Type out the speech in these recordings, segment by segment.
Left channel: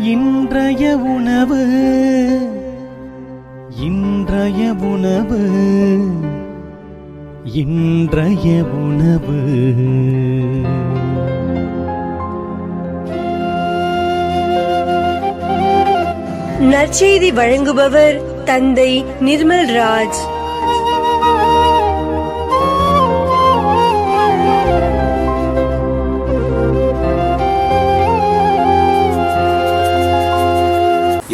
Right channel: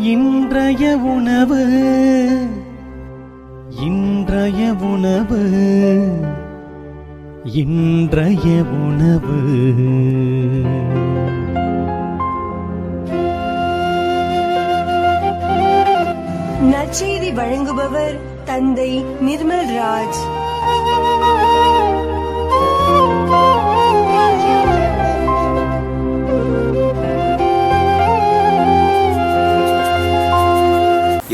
இன்றைய உணவு இன்றைய உணவு இன்றைய உணவு. நற்செய்தி வழங்குபவர் தந்தை நிர்மல் ராஜ்.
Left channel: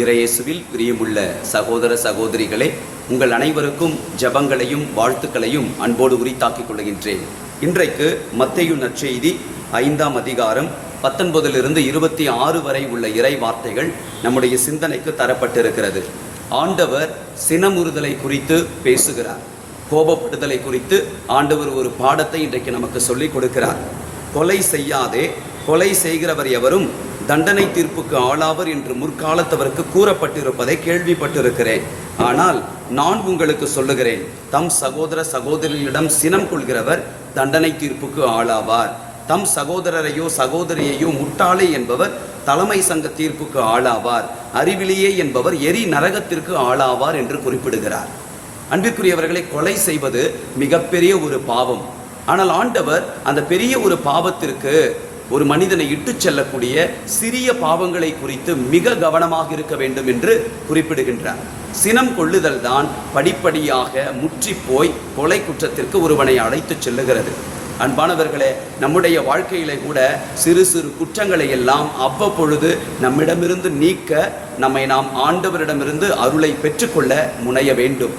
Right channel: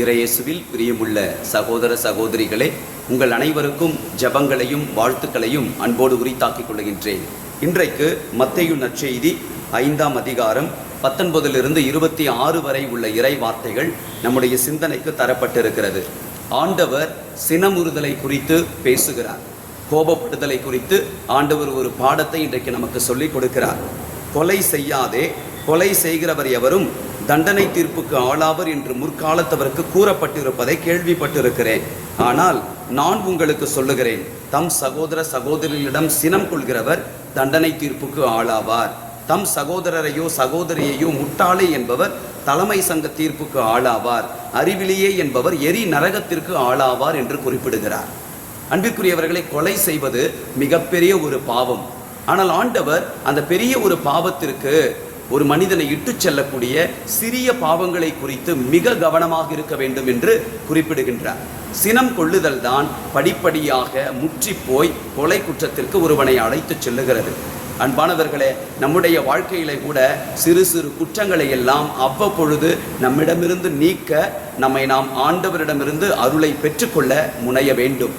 இறையேசுவில் பிரியமுள்ள சகோதர சகோதரிகளே, உங்கள் அனைவருக்கும் ஜெபங்களையும் வாழ்த்துக்களையும் அன்போடு உரித்தாக்கிக் கொள்கின்றேன். இன்றைக்கு மத்தேயு நற்செய்தி 5ஆம் அதிகாரம் 19 - 26 வரை உள்ள இறை வார்த்தைகள் நம்முடைய சிந்தனைக்கு தரப்பட்டிருக்கிறது. ஆண்டவர் சினமுறுதலை குறித்து பேசுகிறார். கோபப்படுதலை குறித்து ஆண்டவர் ஒரு பாடத்தை இன்றைக்கு நமக்கு சொல்லிக் கொடுக்கிறார். கொலை செய்யாதே, கொலை செய்கிறவர் எவரும் தண்டனை தீர்ப்புக்கு ஆளாவர் என்று முற்காலத்தவருக்கு கூறப்பட்டிருப்பதை கேள்விப்பட்டிருக்கிறேன். ஆனால் நான் உங்களுக்கு சொல்லுகிறேன், தம் சகோதர சகோதரிகளிடம் சினம் கொள்கிறவர் தண்டனை தீர்ப்புக்கு ஆளாவார். தம் சகோதரரையோ சகோதரியையோ முட்டாளே என்பவர் தலைமை சங்க தீர்ப்புக்கு ஆளாவார். அறிவிலியே என்பவர் எரி நரகத்திற்கு ஆளாவார் என்று குறிப்பிடுகிறார். அன்பிற்குரியவர்களை, கொலை செய்வது மிகப்பெரிய ஒரு பாவம். ஆனால் ஆண்டவர் அந்த பெரிய ஒரு பாவத்திற்கு ஒரு மனிதனை இட்டு செல்லக்கூடிய சிறிய பாவங்களை குறித்து மிக கவனமாக இருக்க வேண்டும் என்று குறிப்பிடுகின்றார். சினம் கொள்ளுதல் தான் படிப்படியாக முற்றி போய் கொலை குற்றத்திற்கு ஒருவனை அழைத்து செல்லுகிறது. அன்பானவர்களே, நம்முடைய வாழ்க்கையில கூட சிறு சிறு குற்றங்களை எல்லாம் அவ்வப்பொழுது நம்மிடமிருந்து நீக்க நம்மை நாம் ஆண்டவரிடமிருந்து அருளை பெற்றுக்கொள்ள முனைய வேண்டும்.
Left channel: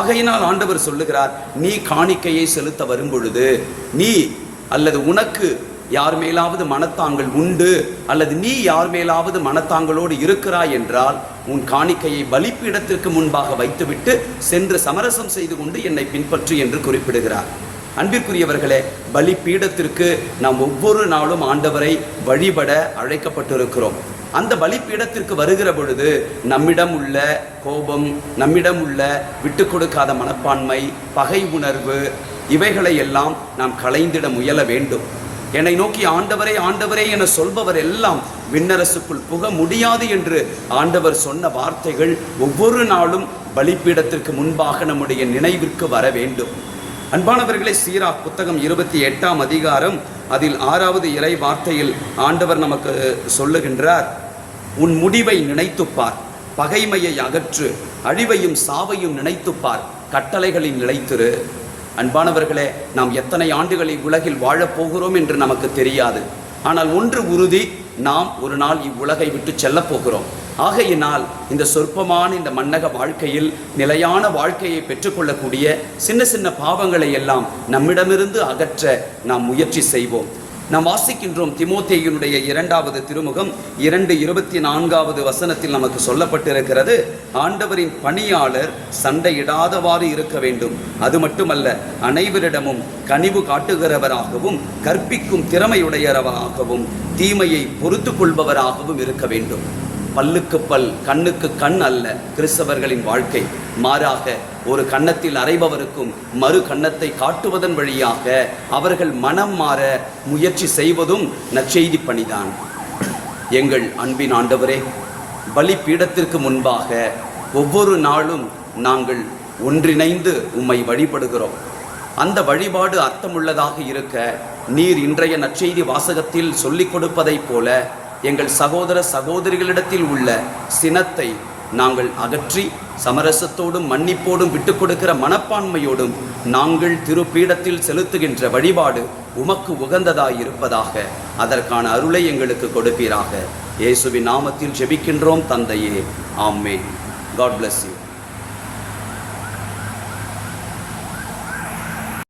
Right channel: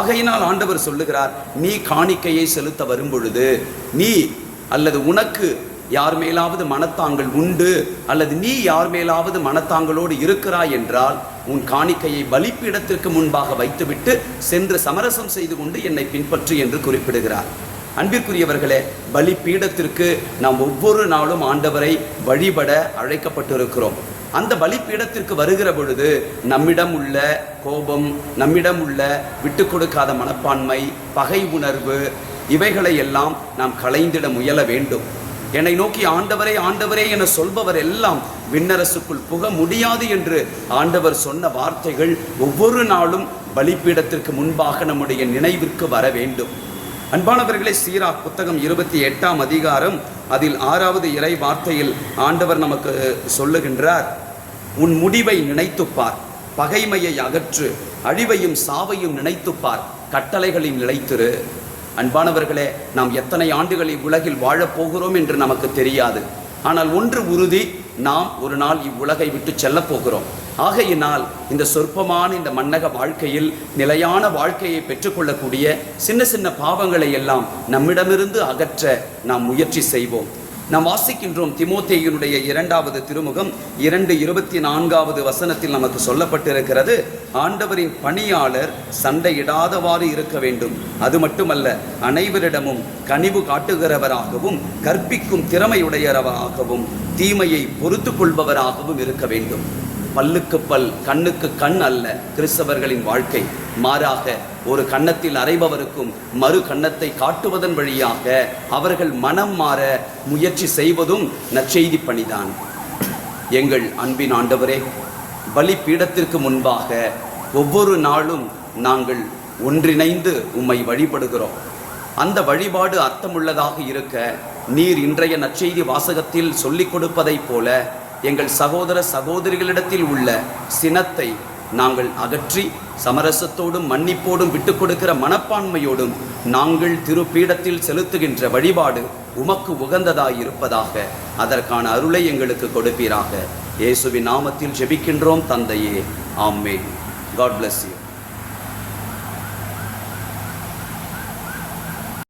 ஆகையினால் ஆண்டவர் சொல்லுகிறார், நீ காணிக்கையை செலுத்த வரும் பொழுது நீ அல்லது உனக்கு யார் மேலாவது மனத்தாங்கள் உண்டு அல்லது நீ யார் மேலாவது மனத்தாங்களோடு இருக்கிறாய் என்றால் உன் காணிக்கையை பலிப்பீடத்திற்கு முன்பாக வைத்துவிட்டு சென்று சமரசம் செய்து கொண்டு என்னை பின்பற்று என்று குறிப்பிடுகிறார். அன்பிற்குரியவர்களே, பலிப்பீடத்திற்கு நாம் ஒவ்வொரு நாளும் ஆண்டவரை வழிபட அழைக்கப்பட்டிருக்கிறோம். அந்த பலிப்பீடத்திற்கு வருகிற பொழுது நம்மிடம் உள்ள கோபம், நம்மிடம் உள்ள விட்டு கொடுக்காத மனப்பான்மை, பகை உணர்வு, இவைகளை எல்லாம் நாம் களைந்திட முயல வேண்டும். என்னை நோக்கி ஆண்டவரே ஆண்டவரே என சொல்பவர் எல்லாம் விண்ணரசுக்குள் புக முடியாது என்று ஆண்டவர் சொன்ன வார்த்தைகள் ஒவ்வொரு நாளும் பலிப்பீடத்திற்கு முன்பாக நம்முடைய நினைவிற்கு வர வேண்டும். அன்பானவர்களை, சீராக் புத்தகம் 28ஆம் அதிகாரம் அதில் 6வது இறை வார்த்தையில் ஆண்டவர் நமக்கு சொல்லுகின்றார், உன் முடிவை நினைத்துப்பார், பகைமையை அகற்று, அழிவையும் சாவையும் நினைத்துப்பார், கட்டளைகளில் நிலைத்திரு. அன்பானவர்களே, நாம் எத்தனை ஆண்டுகளை உலகில் வாழப்போகிறோம் என்று நமக்கு தெரியாது. ஆனால் ஒன்று உறுதி, நாம் ஒரு நாள் இவ்வுலகை விட்டு செல்ல போகிறோம். ஆகையினால் இந்த சொற்பமான இந்த மன்னக வாழ்க்கையில் நிலையான வாழ்க்கையை பெற்றுக்கொள்ளக்கூடிய சின்ன சின்ன பாவங்களை எல்லாம் நம்மிடமிருந்து அகற்ற நாம் முயற்சி செய்வோம். நாம் வாசிக்கின்றோம் தீமோத்தேயுனுடைய 2வது திருமுகம் 2:24 வசனத்தில் நமக்கு சொல்லப்பட்டிருக்கிறது, ஆண்டவரின் பணியாளர் சண்டையிடாதவாறு இருக்க வேண்டும். அது மட்டுமல்ல, அனைவரிடமும் கனிவு காட்டுகிறவராகவும் கற்பிக்கும் திறமையுடையவராகவும் தீமையை பொறுத்து கொள்பவராகவும் இருக்க வேண்டும். பல்லுக்கு பல், கண்ணுக்கு கண் அல்ல கிறிஸ்தவர்களின் வாழ்க்கை. மாறாக ஒரு கன்னத்தில் அறைபவருக்கும் மறு கன்னத்தை காட்டுவதன் வழியாக அவர்கள் மனம் மாற முயற்சி செய்வதும் நற்செய்தி பணிதான். எங்கள் அன்பின் ஆண்டவரே, பலிப்பீடத்திற்கு முன்பாக ஒவ்வொரு நாளும் நாங்கள் ஒன்றிணைந்து உம்மை வழிபடுகிறோம். அந்த வழிபாடு அர்த்தமுள்ளதாக இருக்க நீர் இன்றைய நற்செய்தி வாசகத்தில் சொல்லிக் கொடுப்பதைப் போல எங்கள் சகோதர சகோதரிகளிடத்தில் உள்ள சினத்தை நாங்கள் அகற்றி சமரசத்தோடும் மன்னிப்போடும் விட்டுக் கொடுக்கிற மனப்பான்மையோடும் நாங்கள் திருப்பீடத்தில் செலுத்துகின்ற வழிபாடு உமக்கு உகந்ததாய் இருப்பதாக அதற்கான அருளை எங்களுக்கு கொடுப்பீராக. இயேசுவின் நாமத்தில் ஜெபிக்கின்றோம் தந்தையே, ஆமென். God bless you.